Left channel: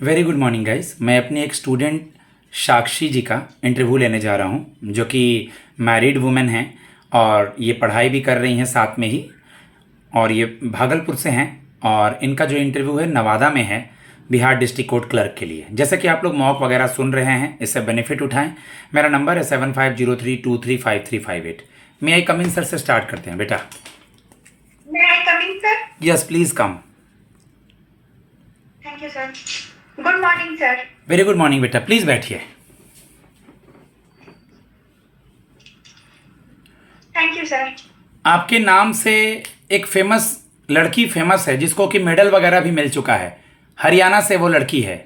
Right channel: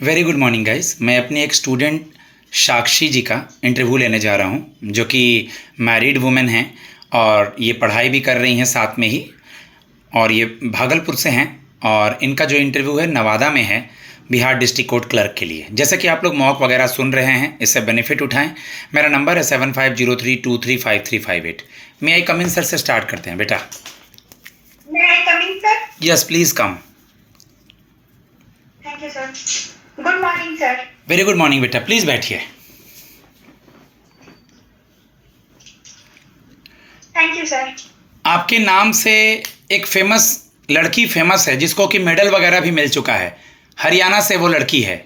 Very good morning guys. मैं अपनी एक स्टूडेंट साक्षी जी का इंटरव्यू लेने जा रहा हूँ, जो कि मैरिड वुमेन हैं और ये पढ़ाई भी कर रही हैं साथ में ही, और ये भागलपुर से हैं। और इनका जो इंटरव्यू है नवादा में है, बिहार डिस्ट्रिक्ट कोर्ट क्लर्क के लिए। जैसे कि आप लोग मॉक वगैरह सुन रहे हैं, इससे बेनिफिट उठाएं। मेरा नंबर है 7503235358। मे आई कम इन सर? से स्टार्ट करते हैं बेटा। May I come in, sir? Yes please come. Thank you, sir. Good morning, sir. Very good morning बेटा, प्लीज़ बैठिए। Thank you, sir. आपके नाम से एक फेमस लड़की फेमस है, जिसको कि मेडल वगैरह भी मिल चुका है। हरियाणा से वो लड़की है।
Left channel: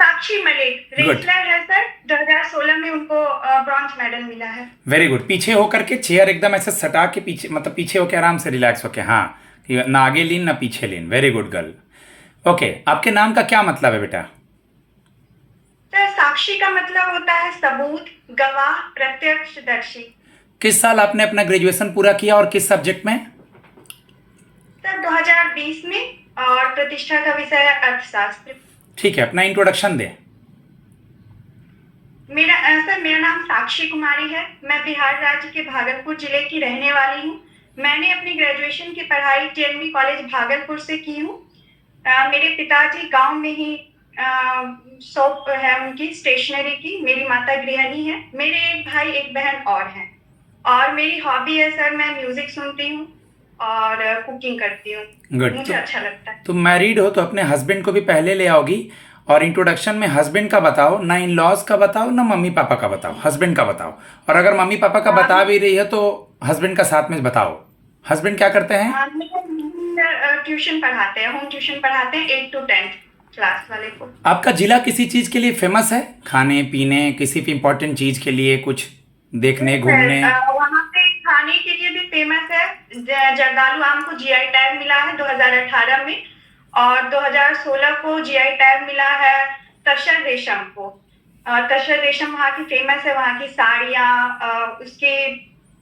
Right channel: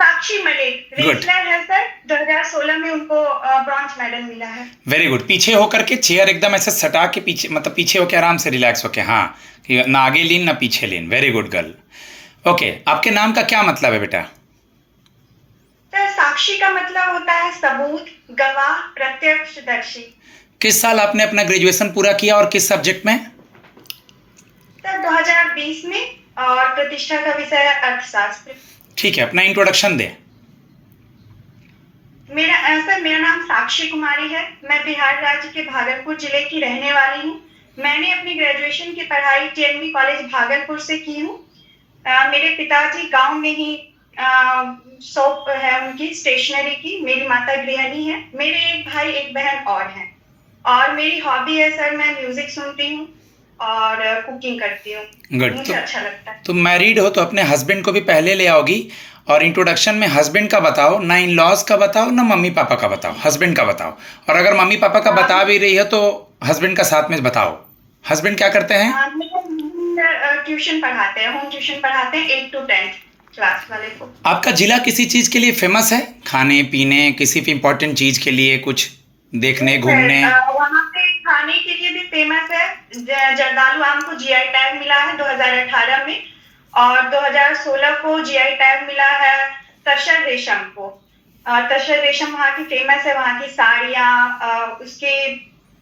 साक्षी मलिक Good. रेसलर है सर। 2016 में उनको ब्रॉन्ज मेडल मिला है। Very good. पीछे होकर के चेयर एकदम ऐसे सटा के पीछे, मतलब पीछे होके आराम से रिलैक्स होके, हाँ, कि ना आगे लीन ना पीछे lean. Very good girl. Okay, आपके नाम का क्या मतलब है बेटा? सर साक्षी का मतलब होता है सबूत, गवाह, प्रत्यक्षदर्शी। किस साल आपने अपना ग्रेजुएशन पूरा किया और किस सब्जेक्ट में? सर 2020 में, और प्रतिष्ठा का विषय है अर्थशास्त्र। ठीक है, अपना इंट्रोडक्शन दें। मेरा नाम साक्षी कुमारी है। मैं बिहार राज्य के भागलपुर जिले की रहने वाली हूँ। मैंने अपनी ग्रेजुएशन की पढ़ाई टीएनबी कॉलेज भागलपुर से की हूँ। मेरे पिताजी गांव में ही शॉप है उनकी स्टेशनरी की। मेरी माता गृहिणी है। मेरे एक भाई एक बहन और हैं। और मेरी हॉबी है सर, मैं म्यूजिक सुनती हूँ और कुकिंग करती हूँ। गुड। मुझे अच्छा लगता है। तुम मैरिड हो तो अपने हस्बैंड को भी पहले ले आओगी। और इंट्रोडक्शन में हस्बैंड का बताओ, ना इन लॉज का बताओ ना मम्मी पापा का बताओ, हस्बैंड का बताओ। और अगर मम्मी पापा का बता भी रही है तो हस्बैंड का साथ में बताओ। हस्बैंड क्या करते हैं? ट्यूशन पढ़ाते हैं, होम ट्यूशन पढ़ाते हैं 8 to 10 क्लास वाले को। आपका जिला किसी चीज़ के लिए फेमस है? खाने पीने, किसी भी इम्पोर्टेंट चीज़ के लिए, कुछ देखने घूमने? वहाँ पे खाने के लिए भी फेमस है। जर्दालू आम को जीआई टैग मिला है 2018 में, और 2016 को जीआई टैग मिला है तसर रेशम को। तसर रेशम वहाँ की फेमस है। वहाँ की साड़ियाँ, उसके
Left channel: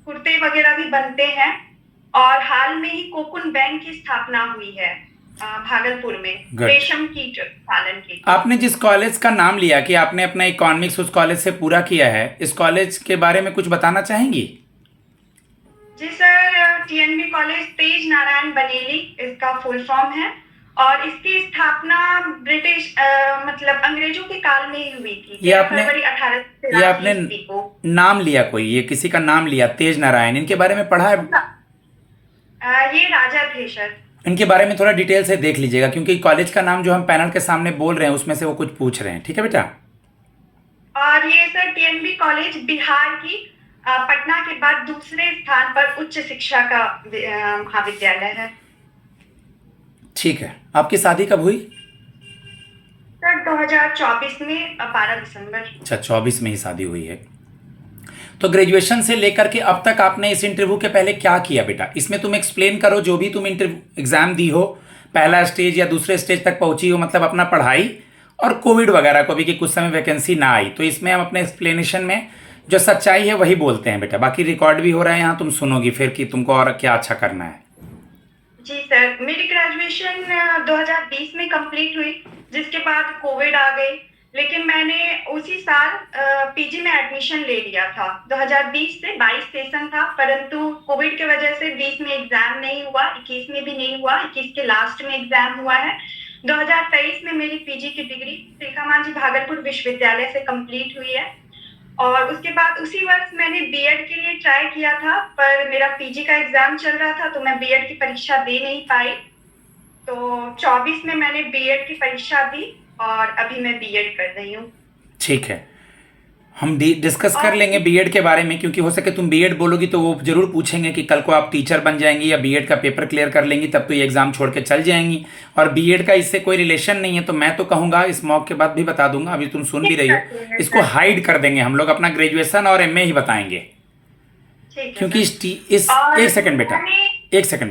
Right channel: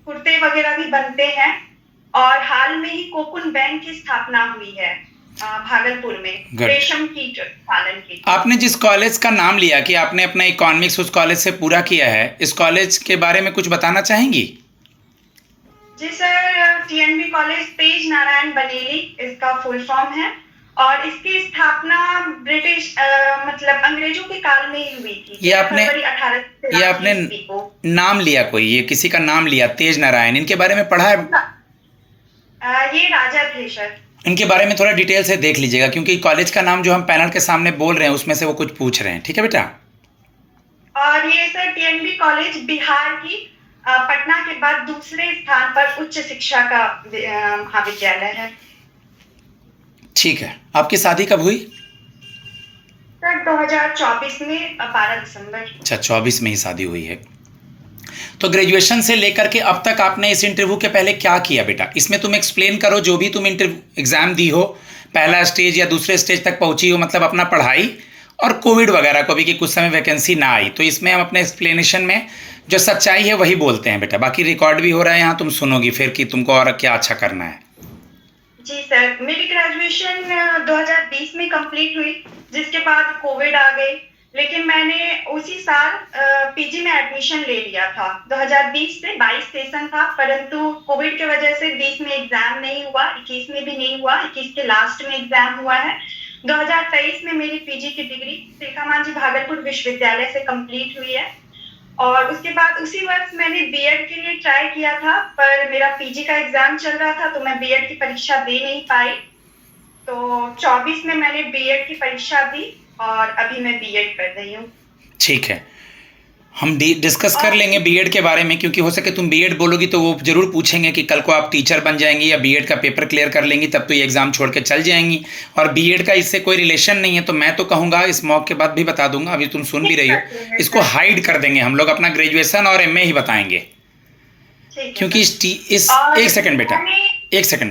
कुर्ते वगैरह भी बनते हैं। और हाल में ही कोकुन बैंक की स्थापना हुई है भागलपुर में, Good. रेशम कीट पालन के लिए। आपने जिस कॉलेज का नाम लिया कि आपने अपना इकोनॉमिक्स उस कॉलेज से पूरा किया है, इस कॉलेज के बारे में कुछ बताना चाहेंगी? जी सर, टीएनबी कॉलेज तेज नारायण बनेली इसका फुल फॉर्म है। और इसकी स्थापना ब्रिटिश मतलब अंग्रेजों के काल में ही हुई थी। ये आपने फरवरी ये आपने 1883 को। नाम लिया, कोई ये किसी का नाम लिया तेज नारायण, इनके बारे में पढ़ा है? ये राजा थे सर। इनके बारे में थोड़ा डिटेल से देख लीजिएगा, क्योंकि कॉलेज का नाम जो हम पैनल के सामने बोल रहे हैं उसमें से वो कुछ पूछ रहे हैं। ठीक है बेटा? और ये सर टीएनबी कॉलेज बिहार की पटना के बाद दूसरे स्थान पर उच्च शिक्षा का महाविद्यालय है। ठीक है। आपकी शादी कब हुई? सर 2024 में 12 दिसंबर। अच्छा, 24 में ही शादी हुई है। तो ग्रेजुएशन से लेकर के अब तक आपने इस इंटरव्यू के पहले क्या किया बेटा? इसमें तुम एक्सप्लेन करो, जो भी तुम इंटरव्यू एग्ज़ाम दी हो, पहला स्टेज या दूसरे स्टेज तक पहुंची हो, मतलब अपना पढ़ाई और कोविड वगैरह को भी, कि कुछ समय वैकेंसी ना आई। तो इसमें हम अपने एक्सप्लेनेशन में जो सच्चाई है वही बोलते हैं बेटा। बाकी रिकॉर्ड भी हो रहा है यहाँ, तुम सुनोगी फिर कि तुमको और क्या अच्छा करना है। जी सर, मेरी ग्रेजुएशन 2020 में कंप्लीट हुई, जिसके बाद कोविड आ गई। लेकिन मैंने उसी साल पीजी में एडमिशन ले लिया था। 2020 से 22 सेशन था, परंतु कोविड की वजह से 20 में एग्जाम नहीं हुआ, 21 में भी नहीं हुआ, 21 के लास्ट में एग्जाम हुआ है। 2023 में मेरी पीजी की डिग्री तिलका मांझी भागलपुर विश्वविद्यालय से कंप्लीट हुई है। और उसके बाद उसी वर्ष मैंने बीएड के लिए ट्राई किया था, पर मेरा पीजी का एग्जाम चल रहा था तो मैं बीएड की परीक्षा दे नहीं पाई। तो 24 में मैंने बीएड की परीक्षा दी और अभी मैं बीएड कर रही हूँ। ठीक है, हम डिस्कस कर लेंगे बीएड के बारे में, क्योंकि हो सके तुम बीएड बोलोगी तो वो जरूर पूछेंगे कि कल को आप टीचर बन जाएंगी या बीएड का पेपर क्लियर कर लेंगी, तब तो ये एग्ज़ाम छोड़ के चल जाएंगी। और बीएड का इससे कोई रिलेशन नहीं है। तो मैं तो कहूँगा, इस मॉक के बाद भी बता दूंगा, अभी तुम सुन भी रही हो, इसको हाइड कर देंगे हम लोग, अपना ग्रेजुएशन और एमए ही बताएंगे। क्योंकि इस एक सेकंड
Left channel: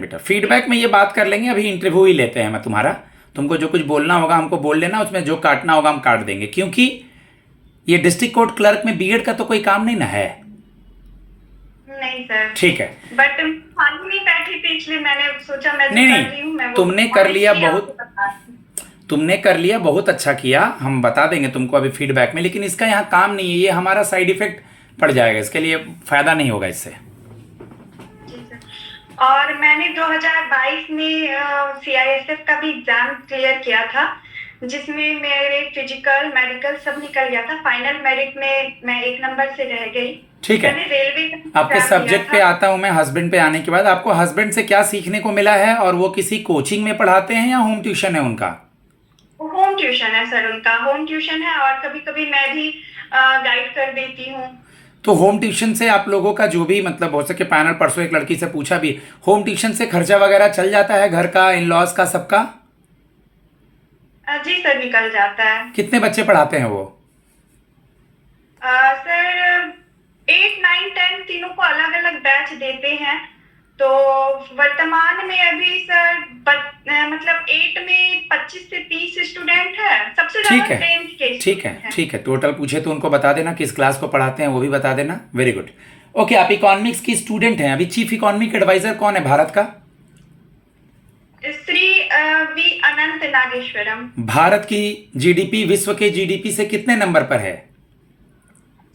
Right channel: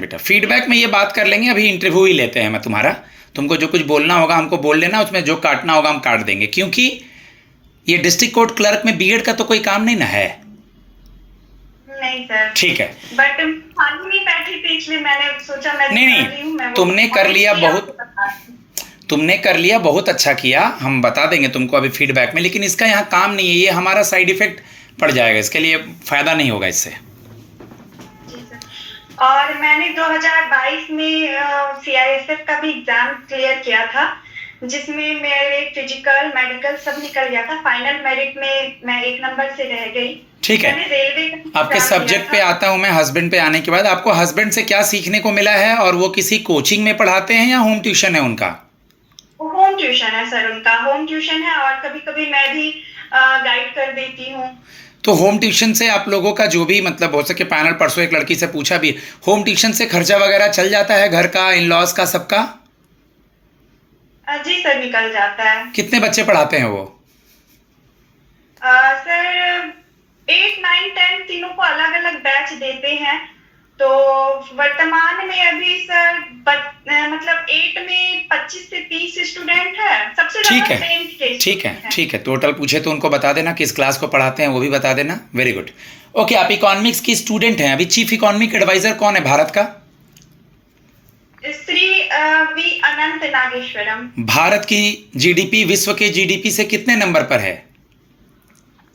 बेटा, फीडबैक में ये बात कर लेंगे, अभी इंटरव्यू ही लेते हैं मैं तुम्हारा। तुमको जो कुछ बोलना होगा हमको बोल लेना, उसमें जो काटना होगा हम काट देंगे, क्योंकि ये डिस्ट्रिक्ट कोर्ट क्लर्क में बीएड का तो कोई काम नहीं ना है। नहीं सर। ठीक है, बट खाली नहीं बैठी थी, इसलिए मैंने सोचा मैं नहीं, तुमने कर लिया बहुत, तुमने कर लिया, बहुत अच्छा किया, हम बता देंगे तुमको अभी फीडबैक में, लेकिन इसका यहाँ काम नहीं है, ये हमारा साइड इफेक्ट पड़ जाएगा, इसके लिए फ़ायदा नहीं होगा इससे। जी सर। और मैंने 2022 में सीआईएसएफ का भी एग्जाम क्लियर किया था, जिसमें मेरे फिजिकल मेडिकल सब निकल गया था। फाइनल मेरिट में मैं 1 नंबर से रह गई। ठीक है, मैंने रेलवे का आपके एग्जाम दिया सब्जेक्ट पे था। आता हूँ मैं। हस्बैंड पे आने के बाद आपको हस्बैंड से क्या सीखने को मिला है, और वो किसी कोचिंग में पढ़ाते हैं या होम ट्यूशन है उनका? होम ट्यूशन है सर, उनका होम ट्यूशन है, और कभी कभी मैं भी गाइड कर देती हूँ। तो होम ट्यूशन से आप लोगों का जो भी मतलब हो सके, पैनल परसों एक लड़की से पूछा भी, होम ट्यूशन से खर्चा वगैरह चल जाता है घर का, इन लॉज का, सबका? जी सर, निकल जाता है। कितने बच्चे पढ़ाते हैं वो? सर 8, 9, 10 तीनों को अलग अलग बैच देते हैं। तो वर्तमान में अभी सर मतलब 8 में 25 से 30 स्टूडेंट है। सबसे ठीक ज्यादा है, 10th के ठीक है, student हैं। ठीक है। टोटल पूछे तो उनको बता देना, किस क्लास को पढ़ाते हैं वो भी बता देना। Very good. ओके, आप इकोनॉमिक्स की स्टूडेंट हैं। अभी चीफ इकोनॉमिक एडवाइजर कौन है भारत का? श्री वी अनंत नागेश्वरम। भारत की जीडीपी विश्व के जीडीपी से कितने नंबर पर है?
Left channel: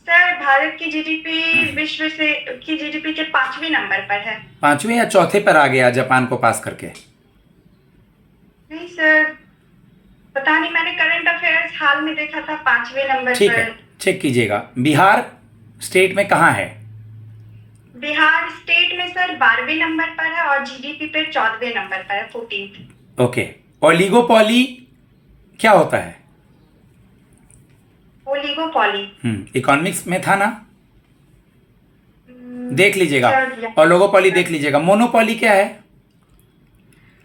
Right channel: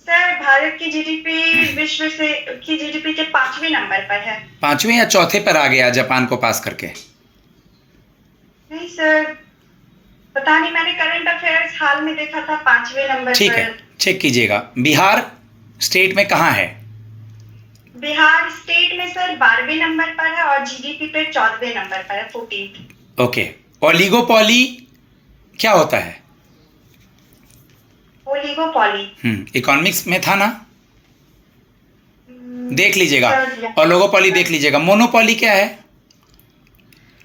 सर भारत की जीडीपी विश्व से की जीडीपी के 5वें नंबर पर है। 5वें या चौथे पर आ गया जापान को पास करके? नहीं सर, पता नहीं, मैंने करंट अफेयर्स हाल में देखा था 5वें नंबर ठीक पर। है, चेक कीजिएगा। बिहार स्टेट में कहाँ है? बिहार स्टेट में सर 12वें नंबर पर है, और जीडीपी पे 14वें नंबर पर है, 14th। ओके। ओलिगोपॉली क्या होता है? ओलिगोपॉली इकोनॉमिक्स में था ना, देख लीजिएगा। सर, ओलिगोपॉली देख लीजिएगा। मोनोपॉली क्या है?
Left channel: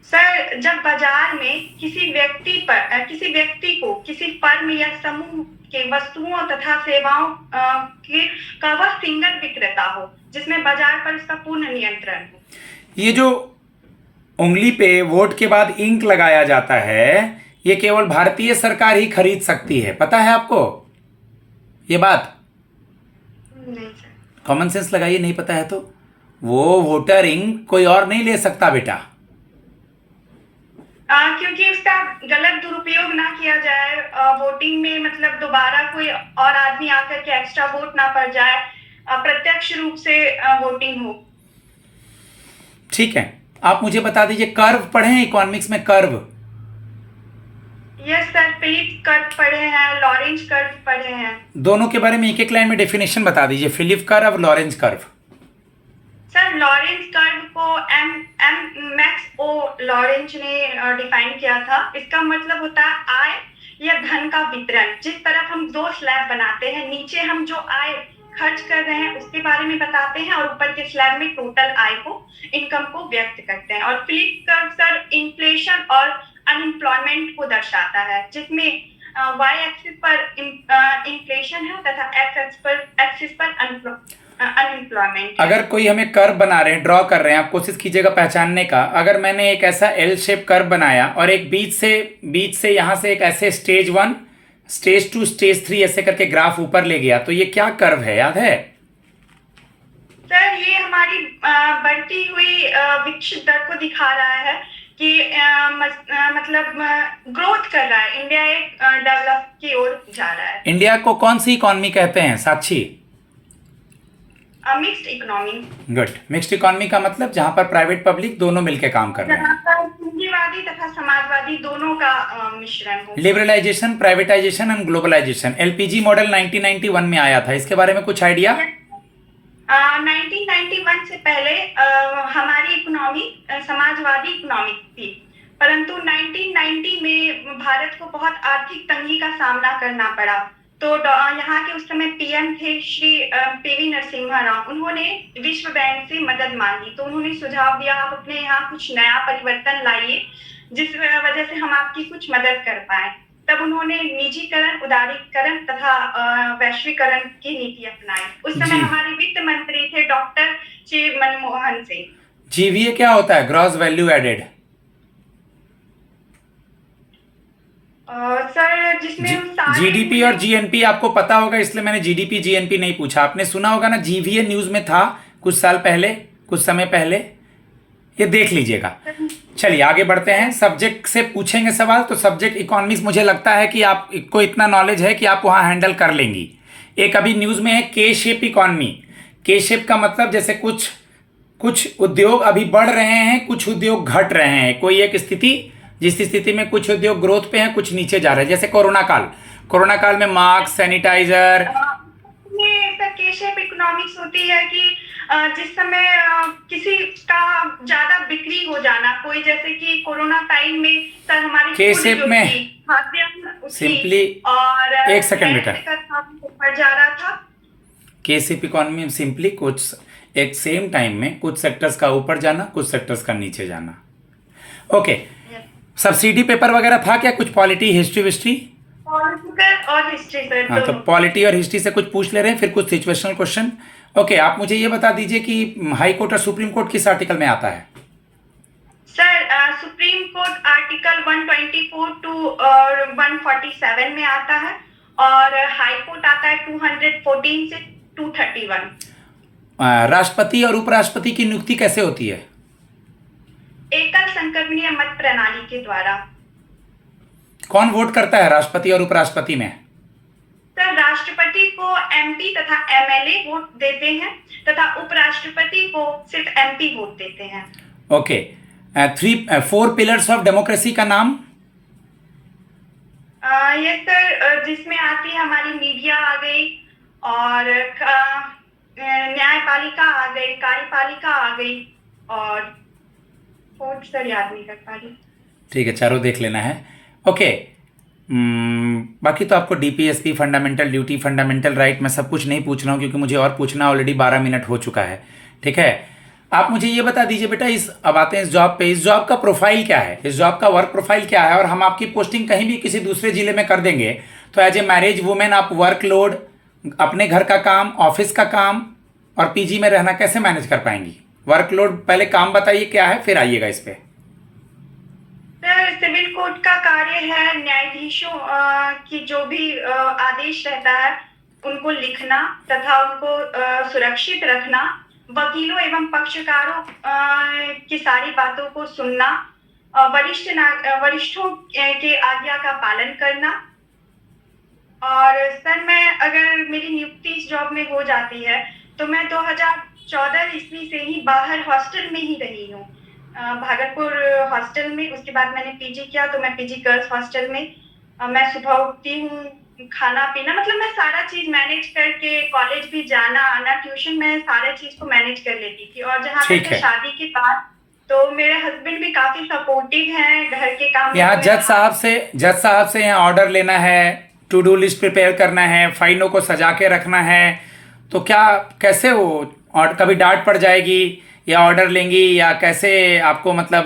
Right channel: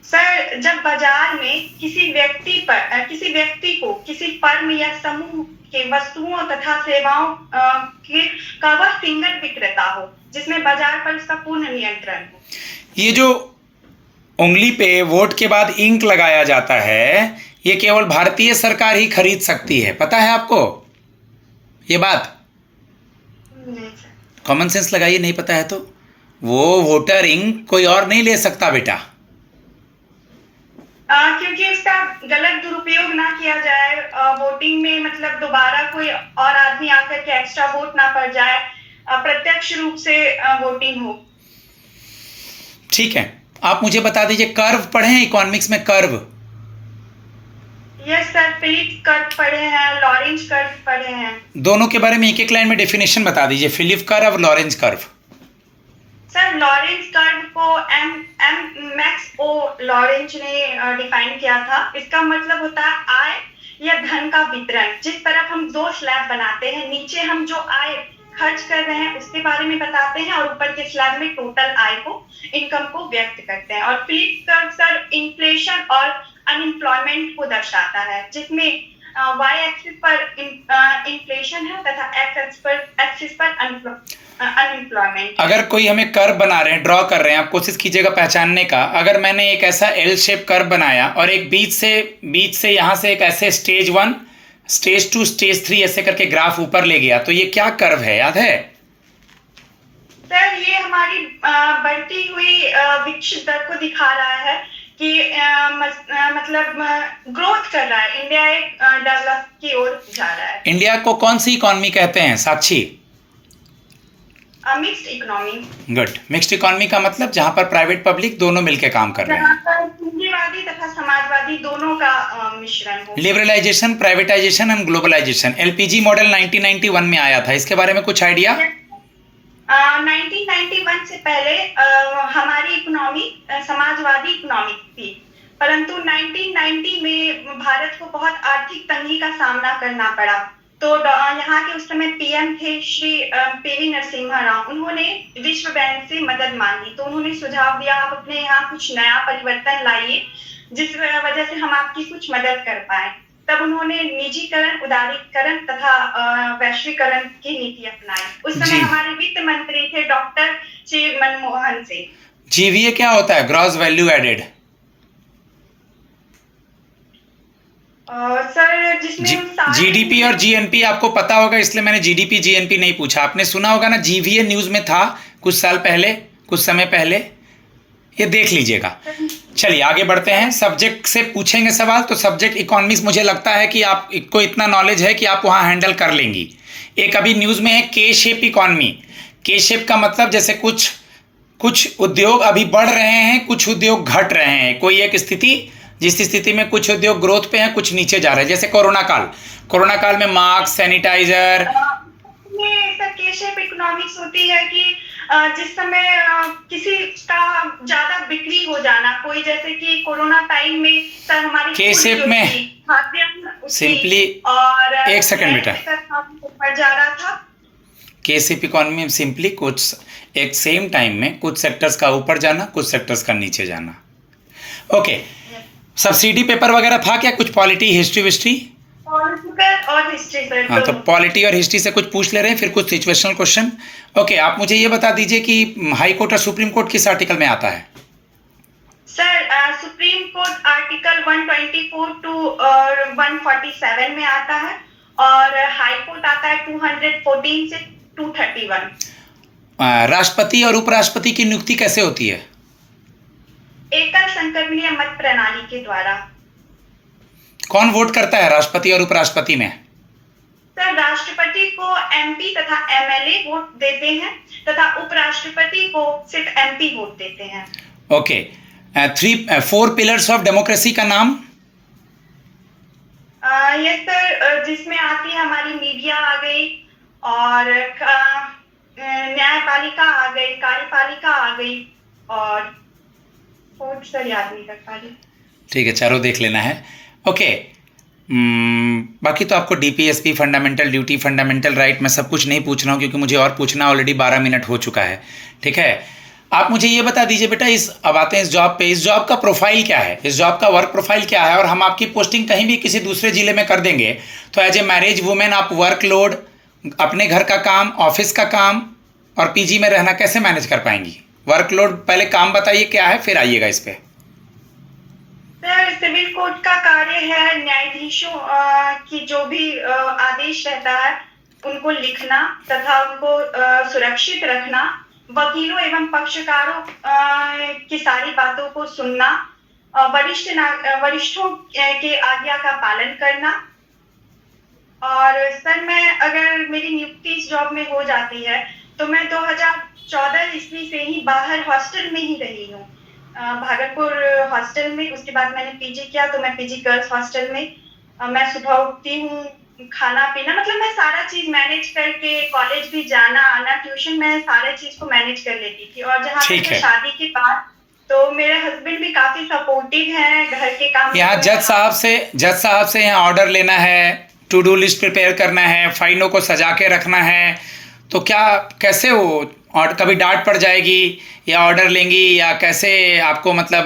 सर जब बाजार में किसी व्यक्ति को किसी फर्म या समूह के वस्तुओं तथा सेवाओं का वह सिंगल विक्रेता हो, जिसमें बाजार पर उसका पूर्ण नियंत्रण हो। ये जो उंगली पे वोट के बाद इंक लगाया जाता है, ये केवल भारतीय सरकार ही खरीद सकती है, पता है आपको ये बात? नहीं सर। कॉमन सेंस लगाइए, नहीं पता है तो। वो वोटर इंक कोई और नहीं ले सकता बेटा। क्योंकि उसका गलत दुरुपयोग ना किया जाए, वोटिंग में मतलब दोबारा कोई और आदमी आकर के एक्स्ट्रा वोट ना पड़ जाए, प्रत्यक्ष रूप से वोटिंग हो। ठीक है, आप मुझे बता दीजिए, कर्व पढ़े हैं इकोनॉमिक्स में? Curve? Yes sir, Phillip curve पढ़े हैं, लॉरेंज कर्व पढ़े हैं। दोनों के बारे में एक एक लाइन में डेफिनेशन बता दीजिए, फिलिप कर्व और Lorentz curve. Sir Lorentz curve को एम एम मैक्स ओ लॉरेंज ने डिफाइन किया था। इसका मतलब होता है आय या धन का वितरण। जिस तरफ हम 2 स्लैब बनाते हैं, नीचे हम जो आय खर्च कर रहे हैं उसके बारे में बताते हैं, और ऊपर के स्लैब में टोटल आय को, इनकम को व्यक्त करते हैं। और फिलिप कर्व सर इन्फ्लेशन और अनएम्प्लॉयमेंट को दर्शाता है, जिसमें वाई एक्सिस पर इन्फ्लेशन है तथा एक्सिस पर अनएम्प्लॉयमेंट। अगर कोई हमें कर्व बना रहे हैं, ड्रॉ कर रहे हैं, आप कोशिश कीजिएगा पहचानने का। अगर मैंने एक ऐसा एल शेप कर्व बनाया और एक बीच से यहाँ से एक ऐसे स्टेज 1, स्टेज 2, स्टेज 3 ऐसे करके ग्राफ ऊपर ले गया, तो ये क्या कर्व है, याद है? सर ये हमारी बढ़ती हुई विकसित दर को दिखा रहा है कि मतलब ग्रोथ कर रहा है। इंडिया एक डेवलप की ओर जा रहा है। इंडिया को कौन सी इकोनॉमी कहते हैं Sakshi? Mixed economy. Good. Mixed economy का मतलब जहां पर प्राइवेट पब्लिक दोनों मिलकर काम कर रहे जहाँ हैं। पर पूंजीवादी तथा समाजवादी दोनों का मिश्रण हो। Liberalisation, privatisation and globalisation. LPG model 1991 में आया था, इसके बारे में कुछ आइडिया? 1991 से पहले हमारी इकोनॉमी समाजवादी इकोनॉमी थी, परंतु 1990 में भारत को बहुत आर्थिक तंगी का सामना करना पड़ा। तो यहाँ के उस समय पीएम थे श्री पीवी नरसिम्हा राव। उन्होंने विश्व बैंक से मदद मांगी, तो उन्होंने सुझाव दिया आप अपने यहाँ कुछ नया परिवर्तन लाइए, जिस वजह से हम आपकी कुछ मदद कर पाए। तब उन्होंने निजीकरण, उदारीकरण तथा वैश्वीकरण की नीति अपनाई। उस समय हमारे वित्त मंत्री थे डॉक्टर श्री मनमोहन सिंह। जीवीए क्या होता है? Gross value added. सर जिसमें जीडीपी और जीएनपी आपको पता होगा, इसलिए मैंने जीडीपी जीएनपी नहीं पूछा। आपने सुना होगा ना, जीवीए न्यूज़ में था कुछ साल पहले, कुछ समय पहले, ये देख लीजिएगा। चलिए आगे बढ़ते हैं। सब्जेक्ट से पूछेंगे सवाल, तो सब्जेक्ट इकोनॉमिक्स मुझे लगता है कि आपको इतना नॉलेज है कि आप वहाँ हैंडल कर लेंगी। एक अभी न्यूज़ में है के शेप इकॉनमी। के शेप का मतलब जैसे कुछ उद्योग अभी बढ़ रहे हैं, कुछ उद्योग घट रहे हैं, कोई एक स्थिति जिस स्थिति में कुछ उद्योग ग्रोथ पे हैं, कुछ नीचे जा रहे हैं। जैसे कोरोना काल में मास्क, सैनिटाइजर। में सर के शेप इकोनॉमिक्स होती है कि जिस समय किसी का ज्यादा बिक्री हो जाना, कोई जैसे कि कोरोना टाइम में सर हमारी के शेप में सिंपली और एक सेकंड बेटा, ऊपर जा रहा था। के शेप इकोनॉमी में सिंपली कुछ एक सेम टाइम में कुछ सेक्टर्स का ऊपर जाना, कुछ सेक्टर्स का नीचे जाना। ओके, सब्सिडी पेपर वगैरह था क्या? कुछ पॉलिटी, हिस्ट्री और हिस्ट्री सर। हाँ, तो पॉलिटी और हिस्ट्री से कुछ पूछ ले रहे हैं, फिर कुछ सिचुएशनल क्वेश्चन। ओके, आप मुझे ये बता दीजिए कि हाई कोर्ट और सुप्रीम कोर्ट किस आर्टिकल में आता है? Sir supreme court article 124 to 147 में आता है और हाई कोर्ट आता है 214 से 231। राष्ट्रपति और उपराष्ट्रपति की नियुक्ति कैसे होती है? एकल संक्रमणीय मत प्रणाली के द्वारा। कौन वोट करता है राष्ट्रपति और उपराष्ट्रपति में? सर राष्ट्रपति को एमपी तथा एमएलए वोट देते हैं तथा उपराष्ट्रपति को सिर्फ एमपी वोट देते हैं। ओके, 4 पिलर्स ऑफ डेमोक्रेसी का नाम? ये सर जिसमें आती है हमारी मीडिया आ गई और न्यायपालिका आ गई, कार्यपालिका आ गई और फोर्थ सर याद नहीं कर पा रही। ठीक है, चारों देख लेना है। ओके, बाकी तो आपको DPSP, fundamental duty, fundamental right, मैं सब कुछ नहीं पूछ रहा हूँ क्योंकि मुझे और पूछना ऑलरेडी 12 मिनट हो चुका है। ठीक है, आप मुझे ये बता दीजिए बेटा, अब आते हैं इस जॉब पे। इस जॉब का प्रोफाइल क्या है? इस जॉब का वर्क प्रोफाइल क्या है? और हम आपकी पोस्टिंग कहीं भी किसी दूसरे ज़िले में कर देंगे तो एज ए मैरिज वुमेन आप वर्कलोड, अपने घर का काम, ऑफिस का काम और पीजी में रहना कैसे मैनेज कर पाएंगी? वर्कलोड पहले काम बताइए क्या है, फिर आइएगा इस पे। सर सिविल कोर्ट का कार्य है न्यायाधीशों की जो भी आदेश रहता है उनको लिखना तथा उनको सुरक्षित रखना, वकीलों एवं पक्षकारों की सारी बातों को सुनना, वरिष्ठों के आज्ञा का पालन करना। और सर मैं अगर मेरी नियुक्ति इस जॉब में हो जाती है तो मैं 2014 ईस्वी से ही बाहर हॉस्टल में ही रही हूँ, भागलपुर हॉस्टल में। उसके बाद मैंने पीजी किया तो मैं पीजी गर्ल्स हॉस्टल में। मैं सुबह उठती हूँ, खाना पीना, मतलब मैं सारा चीज मैनेज करके कॉलेज भी जाना आना, ट्यूशन, मैं सारे चीज को मैनेज कर लेती थी। और जहाँ तक शादी के बाद तो मेरे हस्बैंड भी काफी सपोर्टिव हैं घर के काम। यहाँ जज साहब से यहाँ ऑर्डर लेना है, टू डू लिस्ट प्रिपेयर करना है, फाइलों को सजा के रखना है, तो क्या कैसे हो? और कभी डांट पड़ जाएगी या ऑर्डर लेंगी या कैसे आपको, मतलब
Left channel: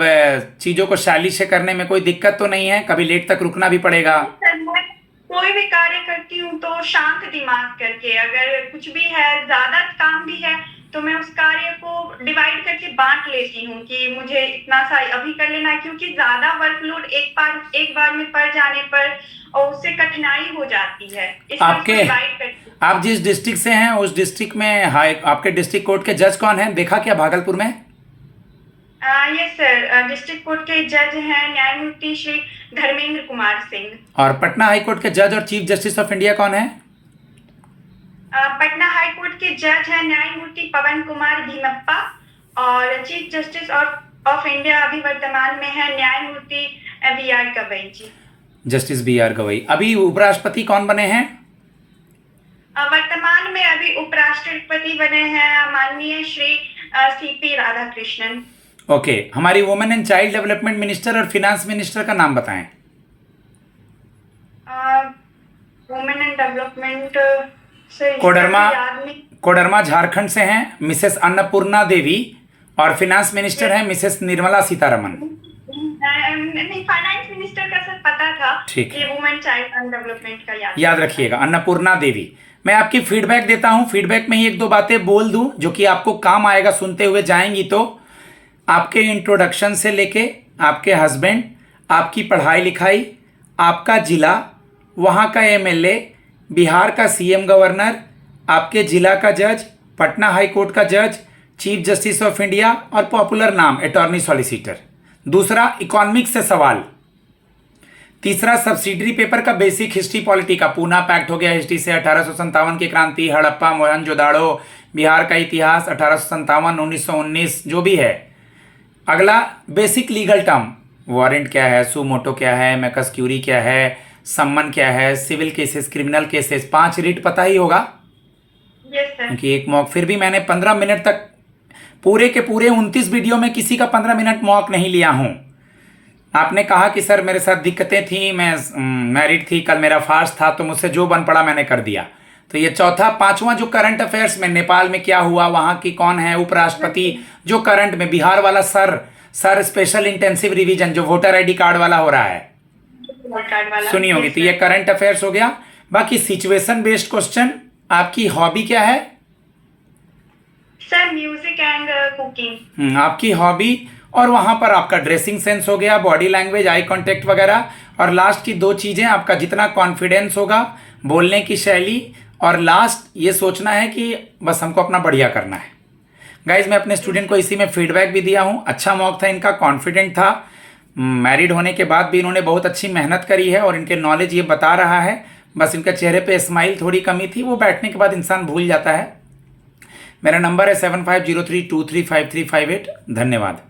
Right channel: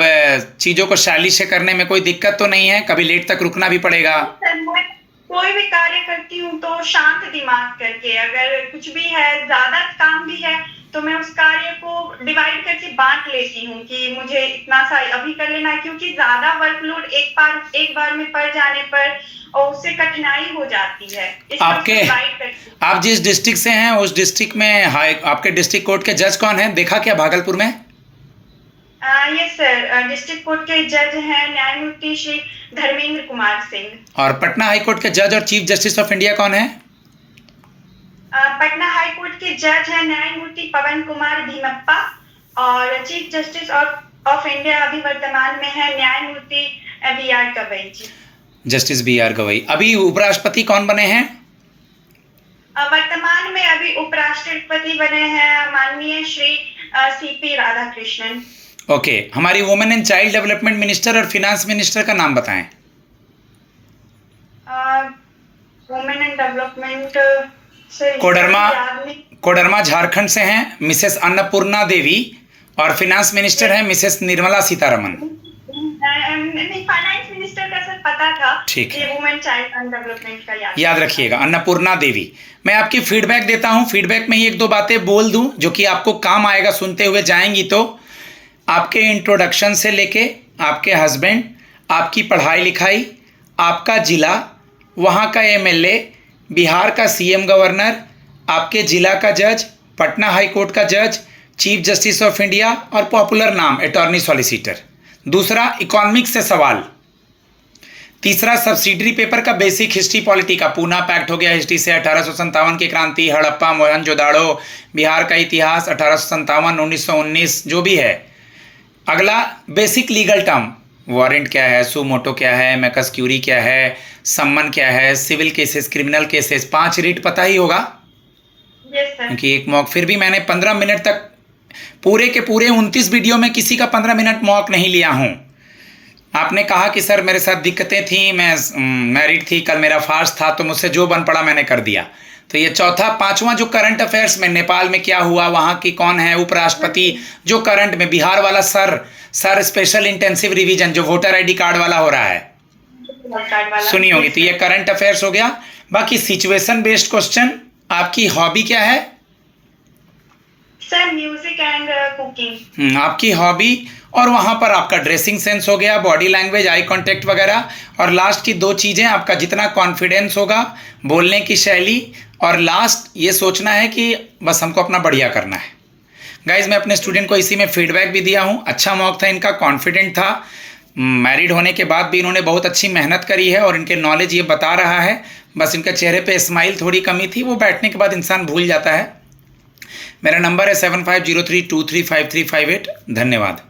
चीज़ों को स्टाइलिश से करने में कोई दिक्कत तो नहीं है? कभी लेट तक रुकना भी पड़ेगा? कोई भी कार्य करती हूँ तो शांत दिमाग करके, अगर कुछ भी है, ज्यादा काम भी है तो मैं उस कार्य को डिवाइड करके बांट लेती हूँ कि मुझे इतना सा अभी कर लेना है, क्योंकि ज्यादा वर्कलोड एक बार में पड़ जाने पर और उससे कठिनाई हो जाती है। आप जिस डिस्ट्रिक्ट से हैं उस डिस्ट्रिक्ट में आपके डिस्ट्रिक्ट कोर्ट के जज कौन हैं? देखा क्या भागलपुर में? यस सर, डिस्ट्रिक्ट कोर्ट के जज हैं न्यायमूर्ति श्री धर्मेंद्र कुमार सिंह। और पटना हाई कोर्ट के जज और चीफ जस्टिस ऑफ इंडिया कौन है? पटना हाई कोर्ट के जज हैं न्यायमूर्ति पवन कुमार धीमप्पा और चीफ जस्टिस ऑफ इंडिया अभी वर्तमान में है न्यायमूर्ति BR Gavai ji. Justice BR Gavai. अभी उपराष्ट्रपति कौन बने हैं? वर्तमान में अभी उपराष्ट्रपति बने हैं माननीय श्री CP राधाकृष्णन। ओके, हमारी women and child development minister और फिनांस मिनिस्टर का नाम बताएं। Women and development Koderma Jharkhand से हैं मिसेस अन्नपूर्णा देवी और फिनांस मिनिस्टर हैं Mrs Nirmala Sitharaman. Finance minister का सर पता था, ठीक है, वुमेन चाइल्ड एंड डेवलपमेंट का याद रखिएगा, अन्नपूर्णा देवी। मैं आपकी फीडबैक देता हूं, फीडबैक में ही एक दो बातें बोल दूं जो कि आपको काम आएगा, सुनते हुए जाएंगी तो। आपके इंट्रोडक्शन से लेके आपके हस्बैंड, आपकी पढ़ाई लिखाई, आपका जिला, वहाँ का MLA, बिहार का CM गवर्नर, आपके जिला का जज, पटना हाई कोर्ट का जज, चीफ जस्टिस ऑफ इंडिया और पॉपुलर नाम अटॉर्नी सॉलिसिटर। दूसरा इकोनॉमिक्स से सवाल, तीसरा सब्सिडरी पेपर का बेसिक हिस्ट्री पॉलिटी का, पूना पैक्ट हो गया हिस्ट्री से, 1857 की क्रांति, हड़प्पा मोहनजोदाड़ो, बिहार का इतिहास 1857 1919 जो भी है। अगला बेसिक लीगल टर्म, वारंट क्या है, सू मोटो क्या है, मैकस क्यूरी क्या है, सम्मन क्या है, civil cases, criminal cases, 5 writ पता ही होगा क्योंकि एक मॉक, फिर भी मैंने 15 मिनट तक पूरे के पूरे 29 वीडियो में किसी का 15 मिनट मॉक नहीं लिया हूँ। आपने कहा कि सर मेरे साथ दिक्कतें थी, मैं मैरिड थी, कल मेरा फास्ट था, तो मुझसे जो बन पड़ा मैंने कर दिया। तो ये चौथा, पांचवा जो करंट अफेयर्स में नेपाल में क्या हुआ, वहाँ की कौन है उपराष्ट्रपति, जो करंट में बिहार वाला सर स्पेशल इंटेंसिव रिवीजन जो वोटर आईडी कार्ड वाला हो रहा है सुनी होगी। तो ये करंट अफेयर्स हो गया। बाकी सिचुएशन बेस्ड क्वेश्चन, आपकी हॉबी क्या है? Sir music and cooking. आपकी हॉबी, और वहाँ पर आपका ड्रेसिंग सेंस हो गया, बॉडी लैंग्वेज, आई कांटेक्ट वगैरह, और लास्ट की 2 चीज़ें, आपका जितना कॉन्फिडेंस होगा, बोलने की शैली, और लास्ट ये सोचना है कि बस हमको अपना बढ़िया करना है। गाइज मैं अपने स्टूडेंट को इसी में फीडबैक भी दिया हूँ, अच्छा मॉक था इनका, कॉन्फिडेंट था, मैरिड होने के बाद भी इन्होंने बहुत अच्छी मेहनत करी है और इनके नॉलेज ये बता रहा है। बस इनके चेहरे पे स्माइल थोड़ी कमी थी, वो बैठने के बाद इंसान भूल जाता है। मेरा नंबर है 7503235358। धन्यवाद।